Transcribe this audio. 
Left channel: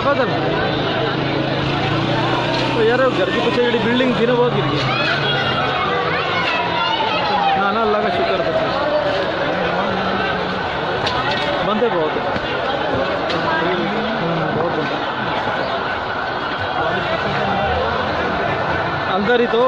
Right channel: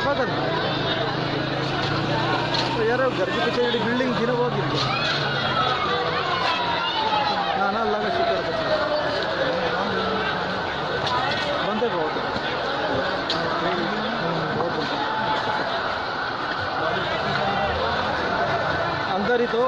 बाबा धर्म तो यार घर के पीछे जी बिल्डिंग थी ना वो गिर गई ना ना अल्लाह का शुक्र बच्चे बंदे बहुत है बहुत बंदा अंदर ही तो